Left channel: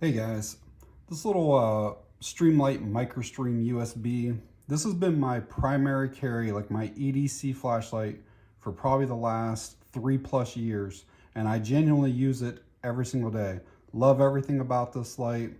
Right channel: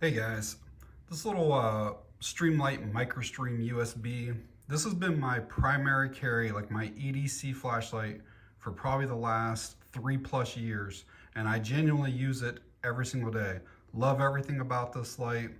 Hey guys, this little Streamlight MicroStream USB, this has been my primary carry, like my EDC flashlight for probably the last 3+ years, and I genuinely use it every single day. Love everything about this light.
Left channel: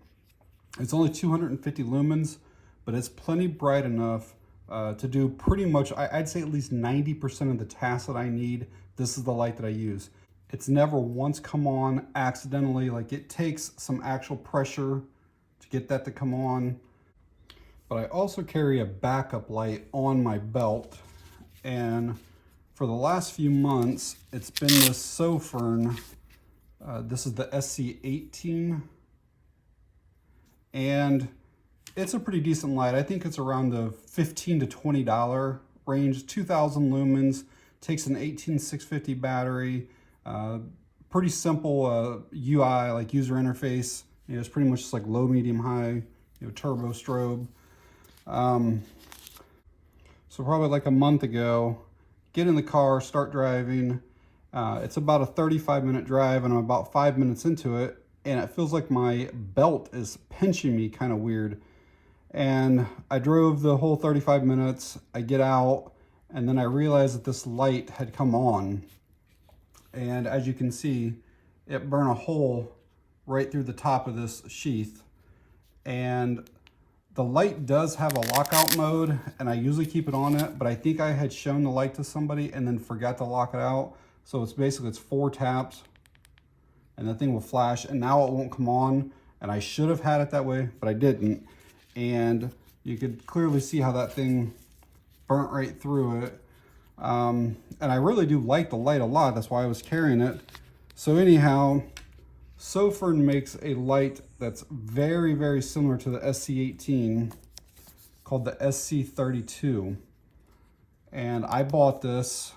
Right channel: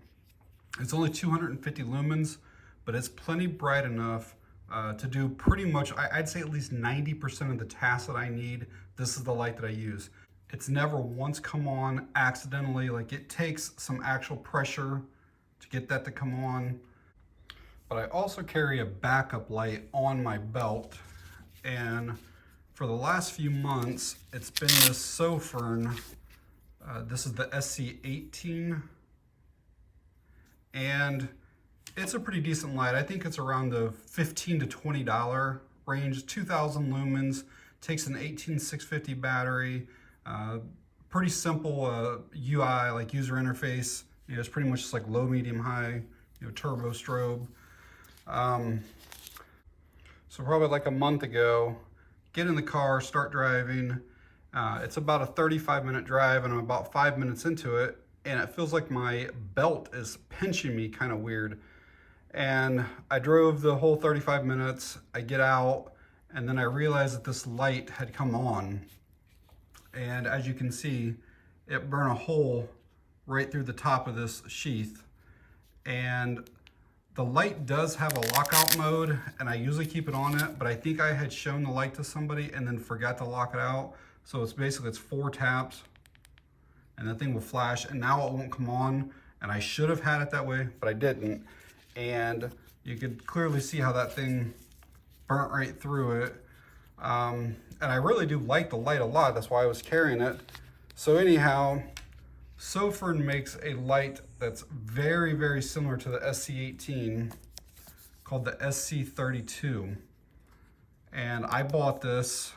It's only 250 lumens, but it's plenty bright enough to do pretty much, I'd say at least 90% of the tasks that I need. This is the light that I use. It's never once come on accidentally. Like, it takes some actual pressure to get that to come on. But I also carry a backup light on my belt, and for the last few months it's been this Sofirn. This is the SC18, and it's a pretty decent light. I think it's around the $15 to $20 range. 2000 lumens, takes an 18650 battery. Pretty simple UI, like user interface. You know, it's pretty much just like low, medium, high, turbo strobe. So probably like a month ago, get in the car, start driving. It's about a 35-minute drive, and I'm about 5 minutes into it, and it feels like my belt is pinching me kind of weird. And I drove the whole 35 minutes. I get out, and then I realized that this light had come on. And as you can see, it burned a hole right through the top of this sheath. And the light does have a lockout mode, and I usually keep it on it, but I think I had shown the light to somebody and then forgot to lock it out. So it's basically, it's 4 taps and the thing will flash, and now it won't come on. And I should have had it that way, but I didn't. And you could clearly see how that thing burnt right through it. And I really do like the light a lot. That's why I was carrying it. So anyhow, Sofirn makes a light that's very, very similar to the SC18, called the SC32. And I bought this.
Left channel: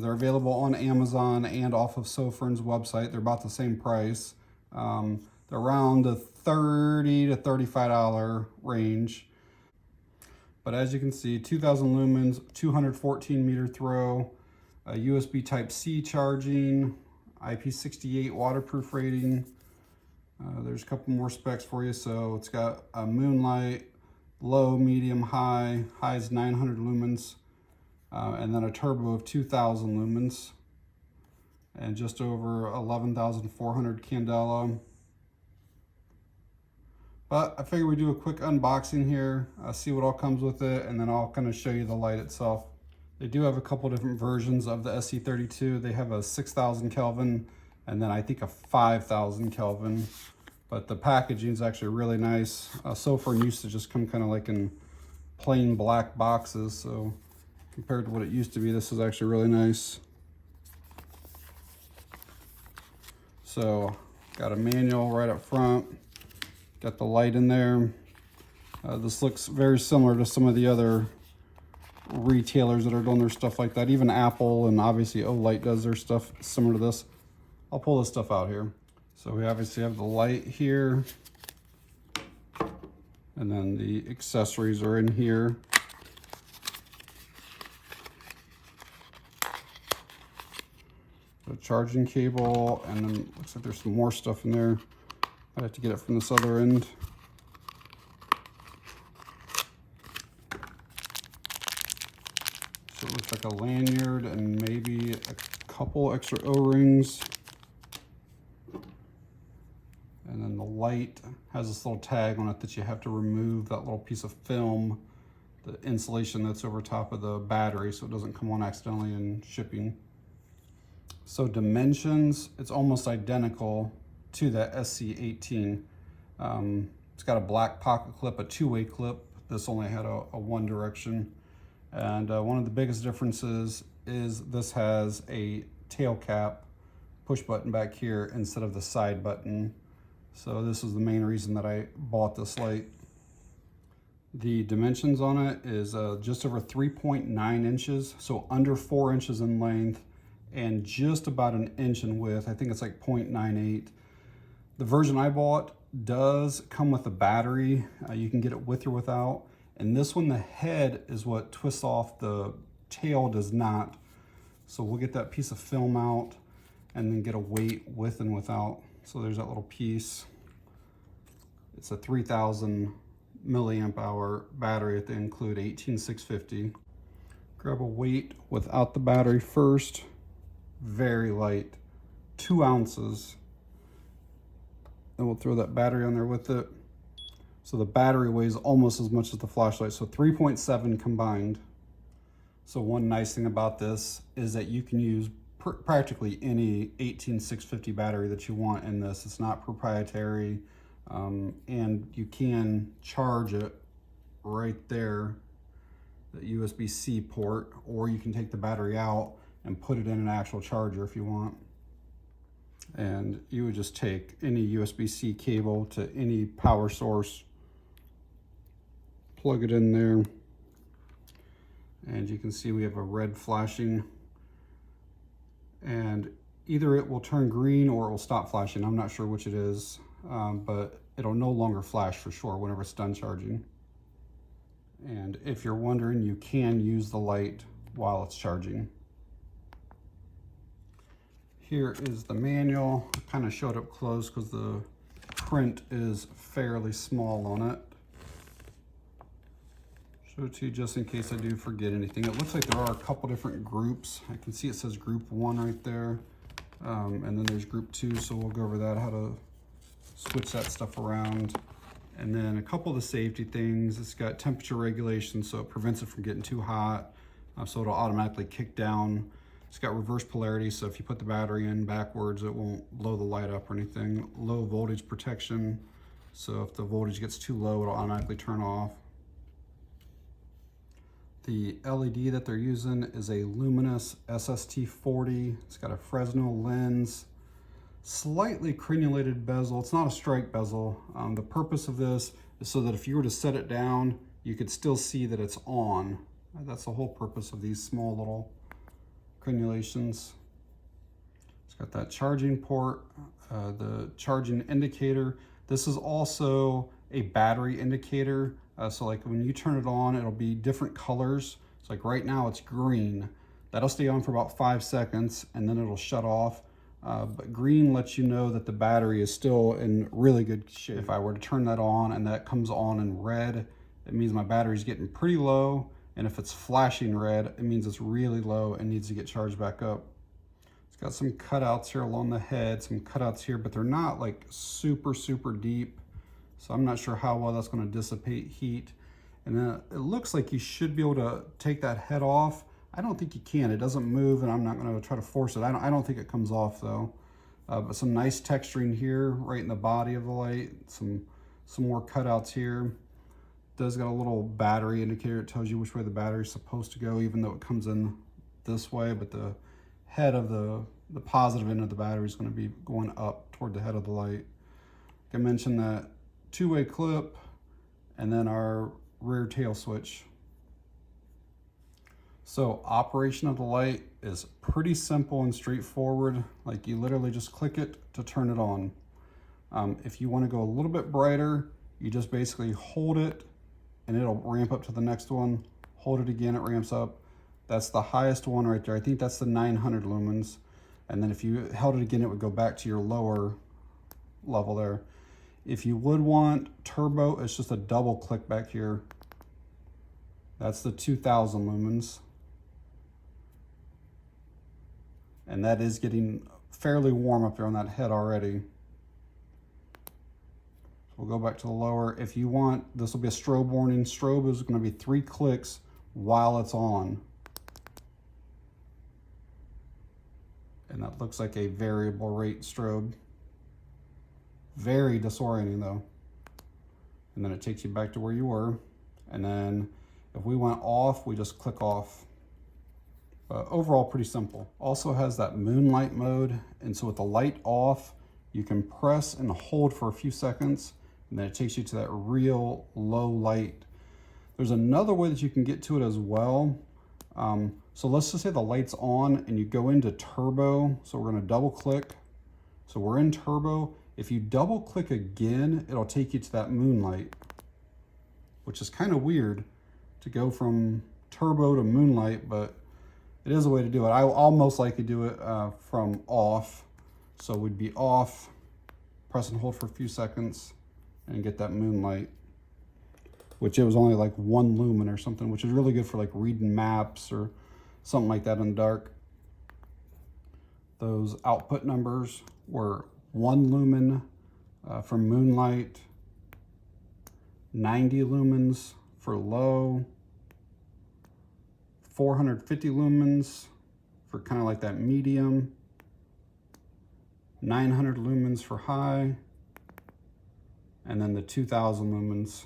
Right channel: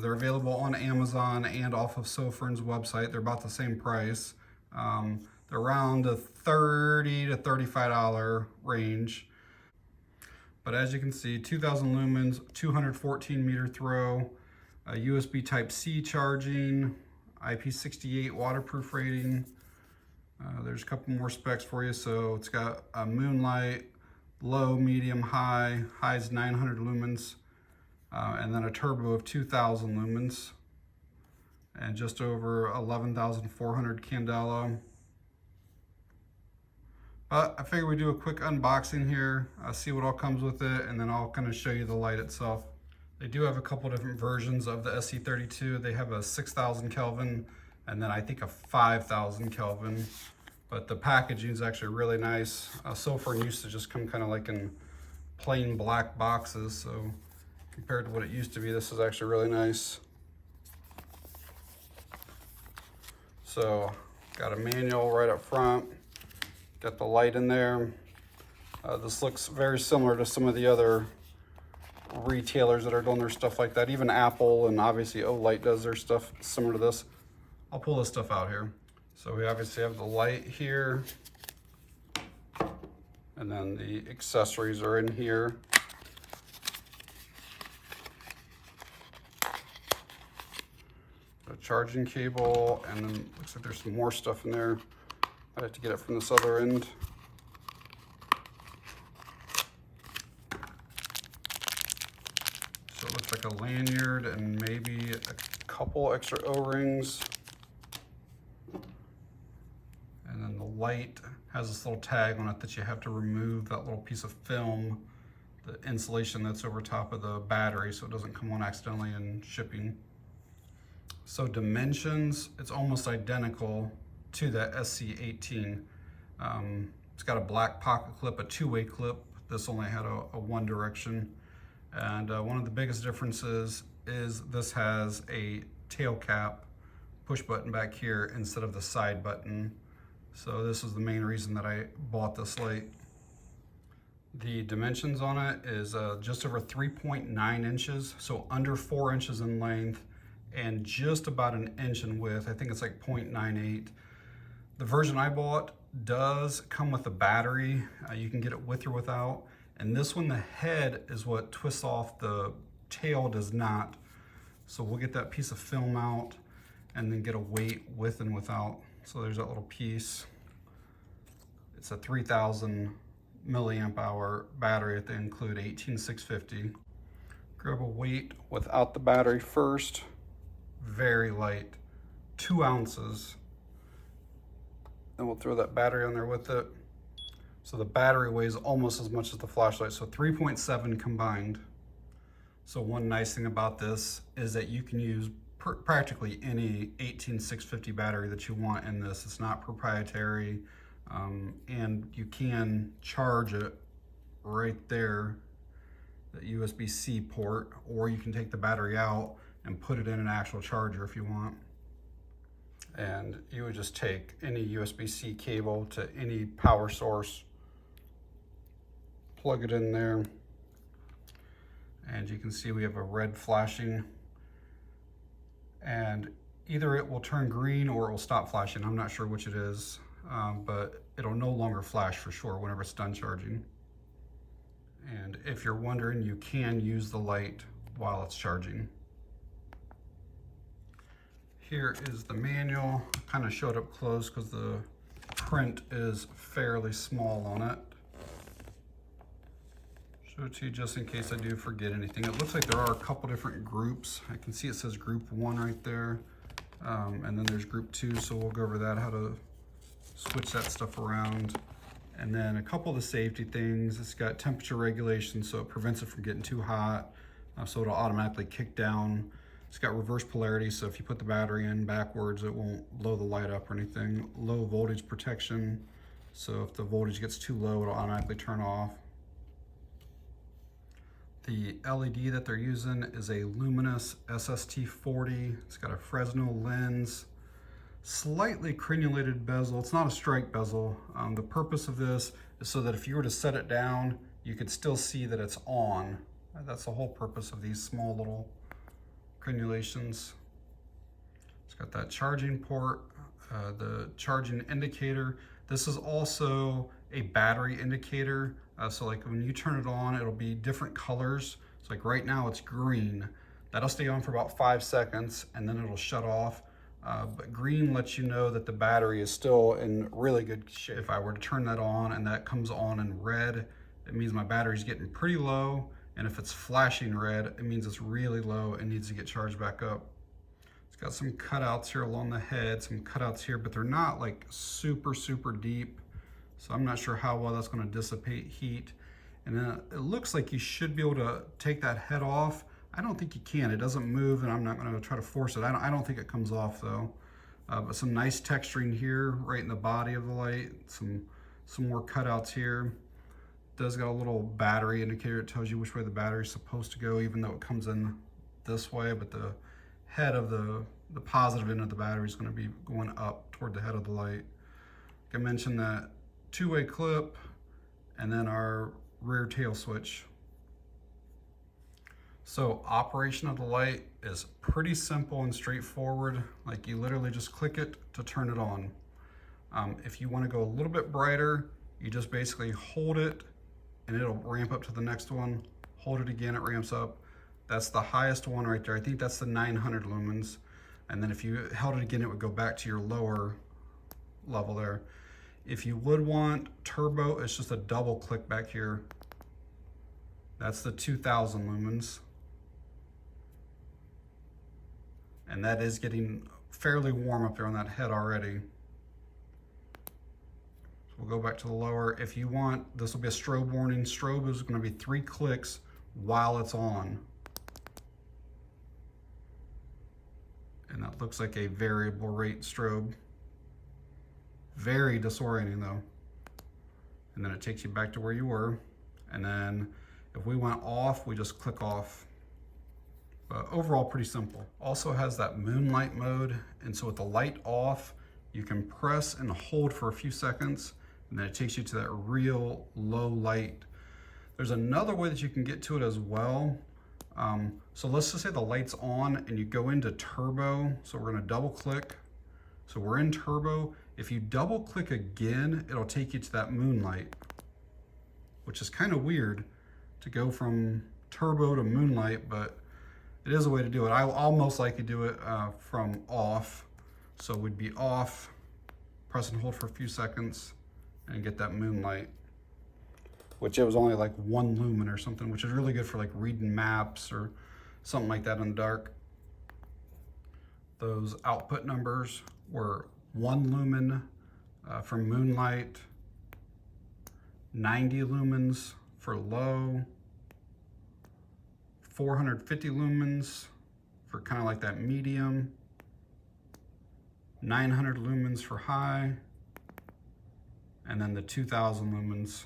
They're available on Amazon and off of Sofirn's website. They're about the same price. They're around the $30 to $35 range. But as you can see, 2000 lumens, 214 meter throw, USB Type-C charging, IP68 waterproof rating. There's a couple more specs for you. So it's got a moonlight, low, medium, high. High is 900 lumens, and then a turbo of 2000 lumens, and just over 11,400 candela. But I figured we'd do a quick unboxing here, see what all comes with it, and then I'll kind of show you the light itself. They do have a couple different versions of the SC32. They have a 6,000 Kelvin and then I think a 5,000 Kelvin. But the packaging is actually really nice. Sofirn used to just come kind of like in plain black boxes, so compared to what it used to be, this is actually really nice. So got a manual right up front. Got the light in there. This looks very similar to some of the other retailers that are doing their stuff like that. Even Apple and obviously Olight does their stuff similar to this. I'll pull this stuff out here. So we obviously have the light here, and then the accessories are in here. The charging cable, and looks like there's some more stuff in there. I have to get it from this other end. So it looks like a lanyard and maybe a couple extra O-rings. And then the light has this little tag on it that you have to remove that little piece of film, the insulation that's over top of the battery, so it doesn't come on accidentally in shipping. So dimensions, it's almost identical to the SC18. It's got a black pocket clip, a 2-way clip. This only had a one direction. And one of the biggest differences is this has a tail cap push button back here instead of the side button. So this is the main reason that I bought this light. The dimensions on it is just over 3.9 inches, so under 4 inches in length and just about an inch in width. I think it's like 0.98. The version I bought does come with a battery. You can get it with or without. And this one, the head is what twists off, the tail does not. So we'll get that piece of film out and then get a weight with and without. So there's that little piece. It's a 3000 milliamp hour battery that they include 18650. Grab a weight without the battery first. Very light, 2 ounces. Then we'll throw that battery on there with it. So the battery weighs almost as much as the flashlight, so 3.7 combined. So one nice thing about this is that you can use practically any 18650 battery that you want in this. It's not proprietary, and you can charge it right there, the USB-C port, or you can take the battery out and put it in an actual charger if you want. And you would just take any USB-C cable to any power source, plug it in there, and you can see we have a red flashing, and either it will turn green or it will stop flashing. I'm not sure which it is, but it'll no longer flash for sure whenever it's done charging. And if you're wondering, you can use the light while it's charging. Here is the manual. I kind of showed up close because the print is fairly small on it. Show it to you just in case I do forget anything. It looks like there are a couple different groups. I can see it says group 1 right there. And then there's group 2, so we'll go over that, how to switch that stuff around. And then a couple of the safety things. It's got temperature regulation, so it prevents it from getting too hot. So it'll automatically kick down. It's got reverse polarity, so if you put the battery in backwards, it won't blow the light up or anything. Low voltage protection, so if the voltage gets too low, it'll automatically turn off. The LED that they're using is a luminous SST-40. It's got a Fresnel lens, slightly crenulated bezel. It's not a strike bezel. The purpose of this is so that if you were to set it down, you could still see that it's on. That's the whole purpose of these small little crenulations. It's got that charging port, the charging indicator. This is also a battery indicator. So like when you turn it on, it'll be different colors. It's like right now it's green. That'll stay on for about 5 seconds and then it'll shut off. But green lets you know that the battery is still in really good shape. If I were to turn that on and that comes on in red, it means my battery's getting pretty low. And if it's flashing red, it means it's really low and needs to get charged back up. It's got some cutouts here along the head, some cutouts here, but they're not like super, super deep. So I'm not sure how well that's going to dissipate heat. And then it looks like you should be able to take that head off. I don't think you can. It doesn't move, and I'm not going to try to force it. I don't think it comes off though. But some nice texturing here, right in the body of the light. Some more cutouts here. It does got a little battery indicator. It tells you which way the battery is supposed to go, even though it comes in this way. But the head of the positive end of the battery is going to be going up toward the head of the light. Like I mentioned, that 2-way clip, and then our rear tail switch. So operation of the light is pretty simple and straightforward. Like you literally just click it to turn it on. If you want to go a little bit brighter, you just basically hold it and it'll ramp up to the next one. Hold it again, it ramps up. That's the highest one right there. I think that's the 900 lumens. And then if you held it again, it would go back to your lower level there. If you would want turbo, it's just a double click back here. That's the 2000 lumens. And that is getting fairly warm up there on that head already. So we'll go back to the lower. If you want, this will be a strobe warning. Strobe is going to be 3 clicks while it's on. And that looks like a variable rate strobe. Very disorienting though. And then it takes you back to where you were. And then if we went off, we just click off. But overall, pretty simple. Also has that moonlight mode. And so with the light off, you can press and hold for a few seconds, and then it takes you to that real low light. There's another way that you can get to it as well. So let's just say the light's on and you go into turbo. So we're gonna double click. So we're in turbo. If you double click again, it'll take you to that moonlight, which is kind of weird to go from turbo to moonlight, but it is a way to do it. I'll most likely do it from off. So we'd be off, press and hold for a few seconds, and get that moonlight, which it was only like 1 lumen or something, which is really good for like reading maps or something like that in the dark. Those output numbers were 1 lumen for moonlight, 90 lumens for low, 450 lumens for kind of like that medium, 900 lumens for high, and then the 2000 lumens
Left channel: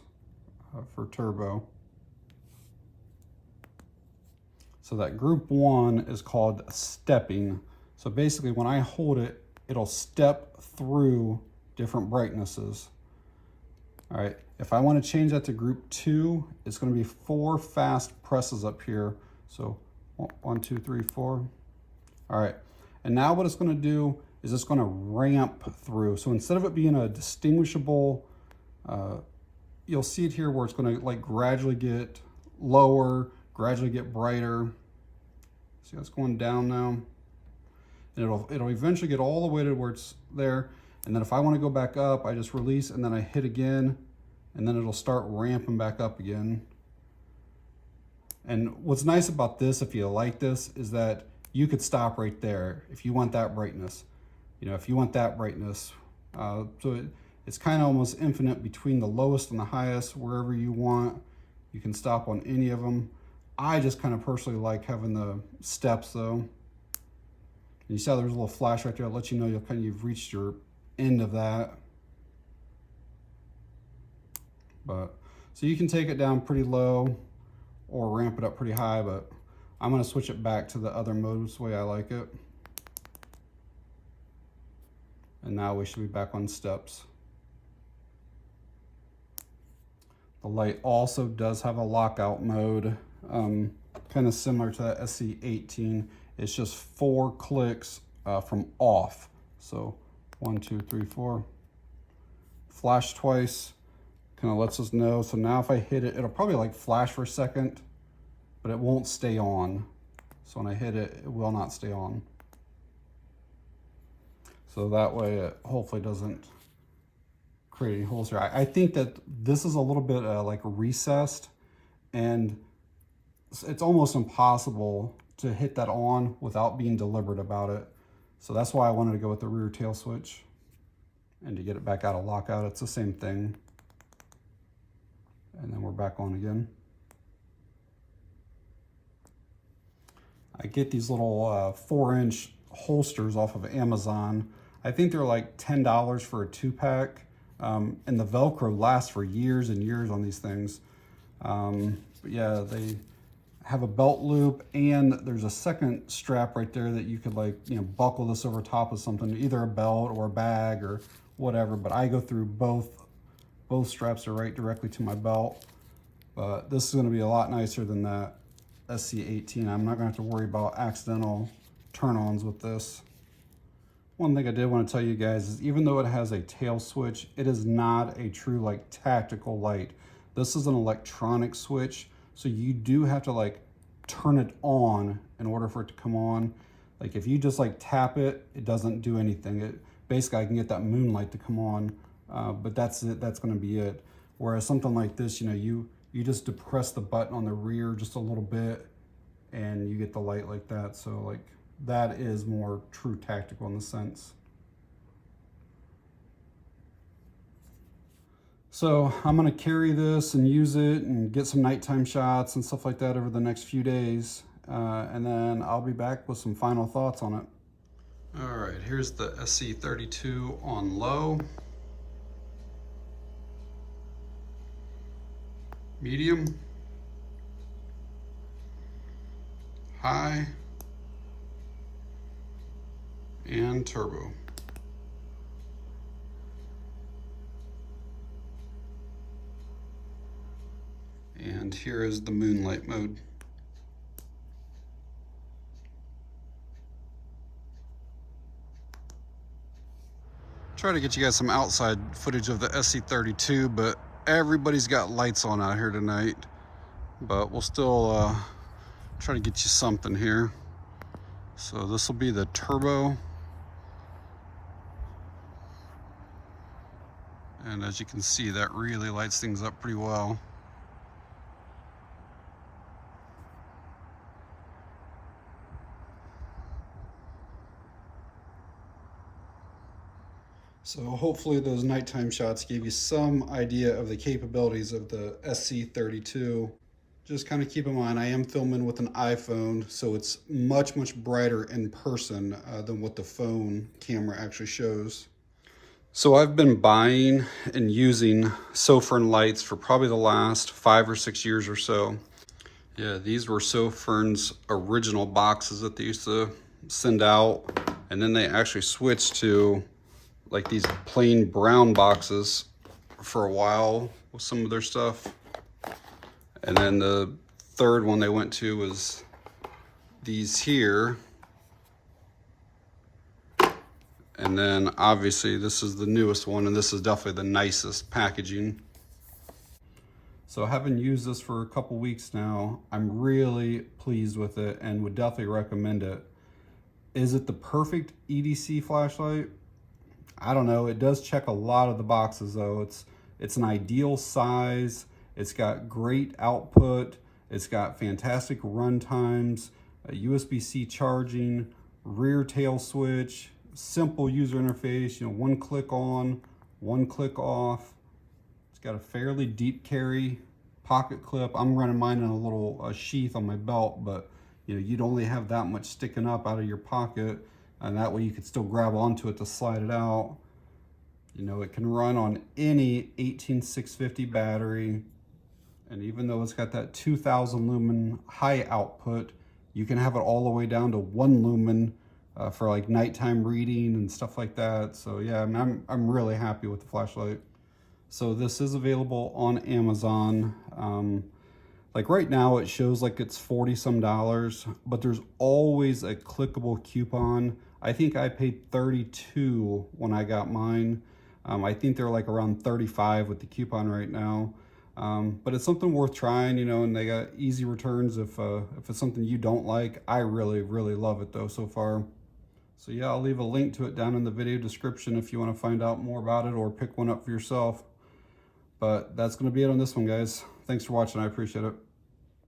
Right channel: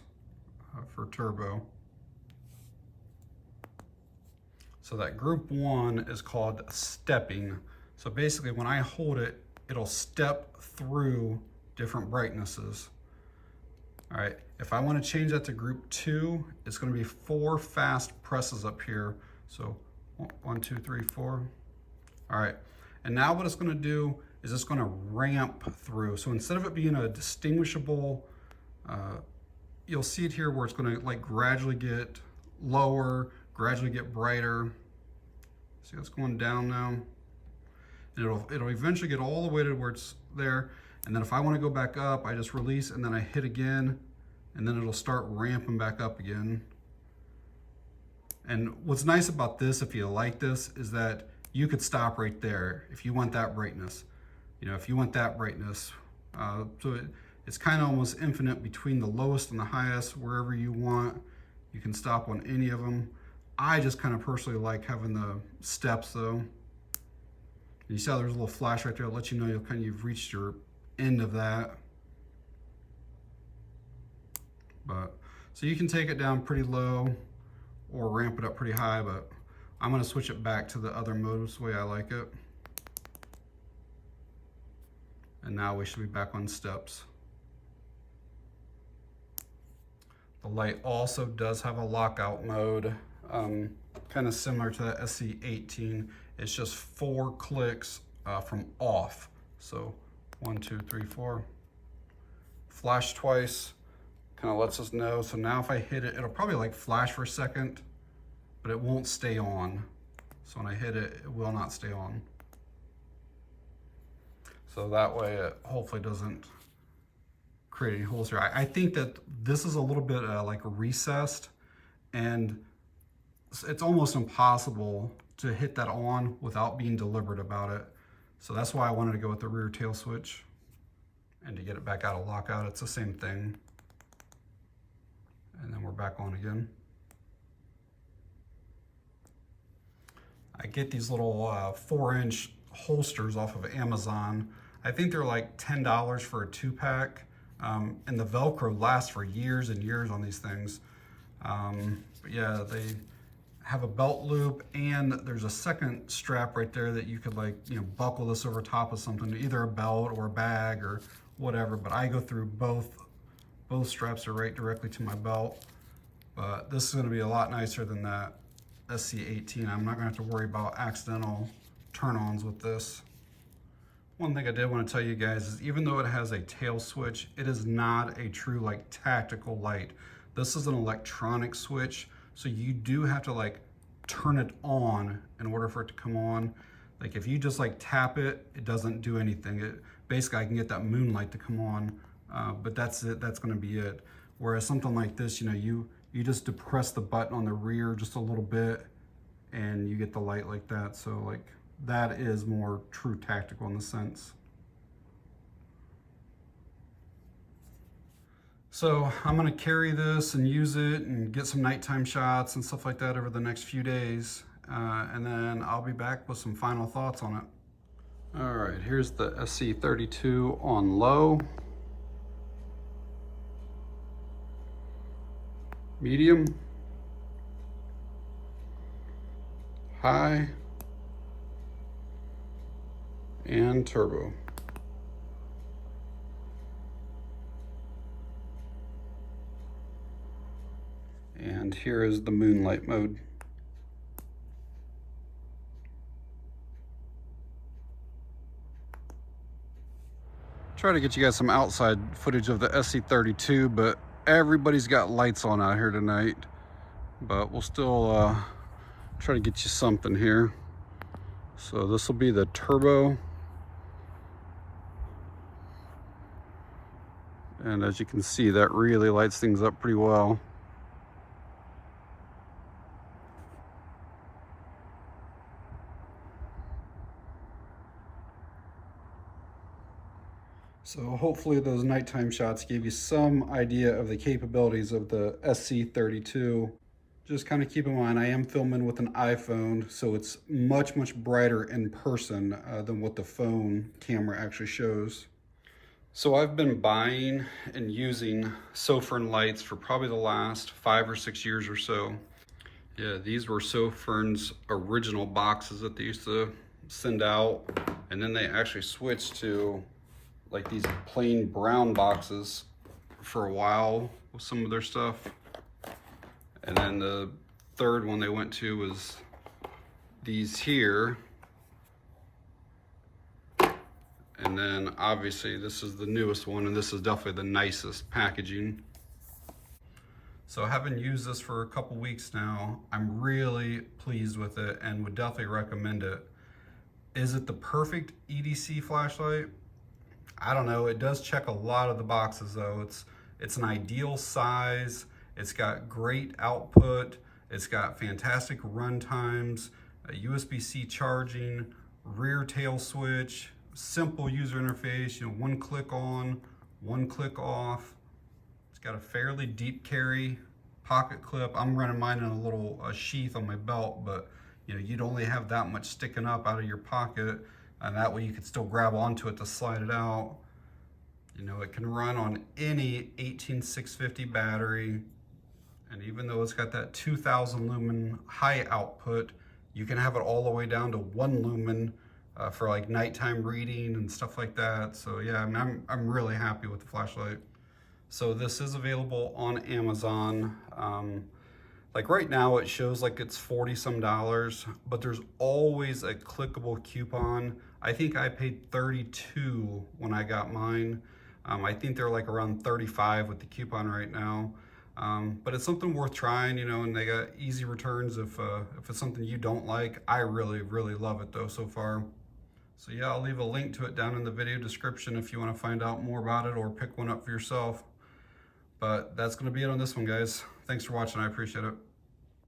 for turbo. So that group 1 is called stepping. So basically when I hold it, it'll step through different brightnesses. All right, if I want to change that to group 2, it's going to be 4 fast presses up here. So 1, 2, 3, 4. All right, and now what it's going to do is it's going to ramp through. So instead of it being a distinguishable, you'll see it here where it's going to like gradually get lower, gradually get brighter. See how it's going down now? And it'll eventually get all the way to where it's there. And then if I want to go back up, I just release and then I hit again, and then it'll start ramping back up again. And what's nice about this, if you like this, is that you could stop right there if you want that brightness. You know, if you want that brightness. So it's kind of almost infinite between the lowest and the highest. Wherever you want, you can stop on any of them. I just kind of personally like having the steps though. And you see how there's a little flash right there that lets you know you've reached your end of that. But so you can take it down pretty low or ramp it up pretty high, but I'm going to switch it back to the other modes the way I like it. And now we should be back on steps. The light also does have a lockout mode, kind of similar to that SC18. It's just 4 clicks from off. So 1, 2, 3, 4. Flash twice, kind of lets us know. So now if I hit it, it'll probably like flash for a second, but it won't stay on. So when I hit it, it will not stay on. So that way it hopefully doesn't create any holes here. I think that this is a little bit like recessed, and it's almost impossible to hit that on without being deliberate about it. So that's why I wanted to go with the rear tail switch. And to get it back out of lockout, it's the same thing. And then we're back on again. I get these little 4-inch holsters off of Amazon. I think they're like $10 for a 2-pack. And the Velcro lasts for years and years on these things. But yeah, they have a belt loop, and there's a second strap right there that you could like, buckle this over top of something, either a belt or a bag or whatever. But I go through both straps are right directly to my belt. But this is going to be a lot nicer than that SC18. I'm not going to have to worry about accidental turn-ons with this. One thing I did want to tell you guys is even though it has a tail switch, it is not a true like tactical light. This is an electronic switch, so you do have to like turn it on in order for it to come on. Like if you just like tap it, it doesn't do anything. Basically I can get that moonlight to come on, but that's it. That's going to be it. Whereas something like this, you just depress the button on the rear just a little bit and you get the light like that. So like that is more true tactical in the sense. So I'm going to carry this and use it and get some nighttime shots and stuff like that over the next few days. And then I'll be back with some final thoughts on it. All right, here's the SC32 on low. Medium. High. And turbo. And here is the moonlight mode. Try to get you guys some outside footage of the SC32, but everybody's got lights on out here tonight. But we'll still try to get you something here. So this will be the turbo. And as you can see, that really lights things up pretty well. So hopefully those nighttime shots gave you some idea of the capabilities of the SC32. Just kind of keep in mind, I am filming with an iPhone, so it's much, much brighter in person than what the phone camera actually shows. So I've been buying and using Sofirn lights for probably the last 5 or 6 years or so. Yeah, these were Sofirn's original boxes that they used to send out, and then they actually switched to like these plain brown boxes for a while with some of their stuff. And then the third one they went to was these here. And then obviously this is the newest one, and this is definitely the nicest packaging. So having used this for a couple weeks now, I'm really pleased with it and would definitely recommend it. Is it the perfect EDC flashlight? I don't know. It does check a lot of the boxes though. It's an ideal size. It's got great output. It's got fantastic run times, USB-C charging, rear tail switch, simple user interface, one click on, one click off. It's got a fairly deep carry pocket clip. I'm running mine in a little sheath on my belt, but you'd only have that much sticking up out of your pocket, and that way you could still grab onto it to slide it out. It can run on any 18650 battery, and even though it's got that 2000 lumen high output, you can have it all the way down to 1 lumen for like nighttime reading and stuff like that. So yeah, I'm really happy with the flashlight. So this is available on Amazon. Like right now it shows like it's $40 some, but there's always a clickable coupon. I think I paid $32 when I got mine. I think they're like around $35 with the coupon right now. But it's something worth trying, and they got easy returns if it's something you don't like. I really, really love it though so far. So yeah, I'll leave a link to it down in the video description if you want to find out more about it or pick one up for yourself. But that's going to be it on this one, guys. Thanks for watching. I appreciate it.